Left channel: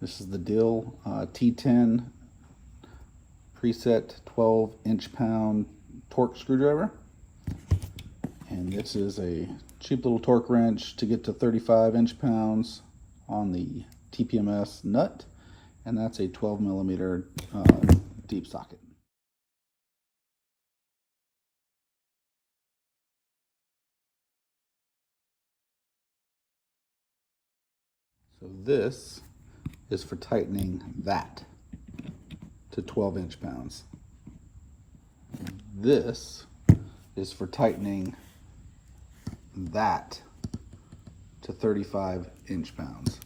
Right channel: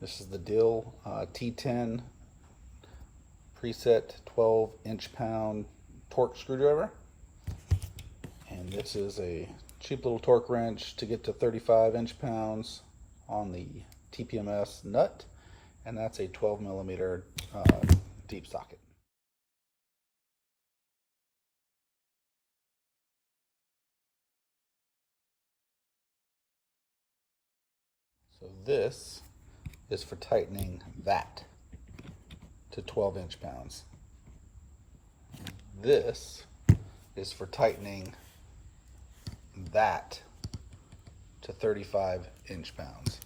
This is the Dill T10 preset 12 inch-pound torque screwdriver. And this is a cheap little torque wrench to get to 35 inch-pounds on the TPMS nut. And that's a 12 millimeter deep socket. So this is for tightening that to 12 inch-pounds. This is for tightening that to 35 inch-pounds.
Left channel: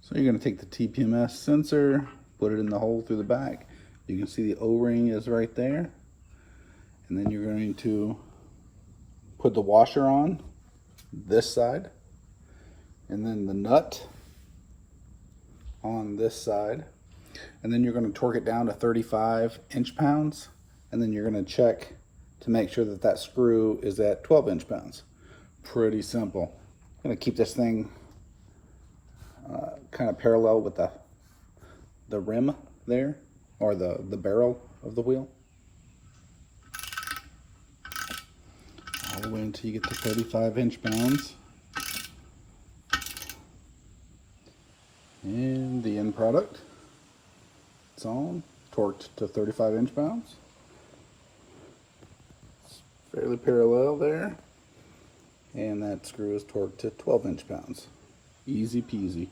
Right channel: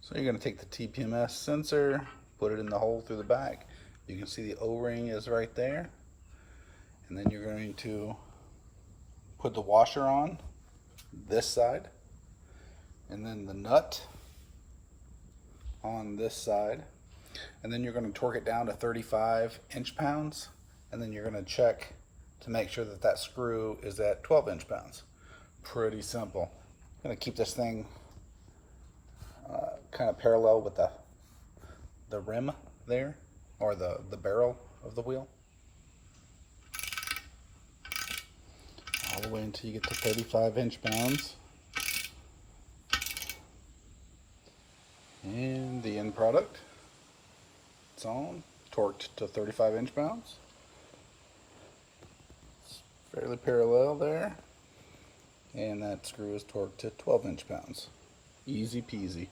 So you're going to take the TPMS sensor, put it in the hole through the back. You can see the O-ring is right there. And then you're going to put the washer on this side, and then the nut on this side. And then you're going to torque it down to 35 inch-pounds. And then you're going to check to make sure that that screw is at 12 inch-pounds. Pretty simple. I'm going to keep this thing kind of parallel with the rim there, or the barrel of the wheel, all the way until you get to 35 inch-pounds. And the end product, it's on, torqued to 35 inch-pounds. It's fairly parallel there, and that screw is torqued to 12 inch-pounds. Easy peasy.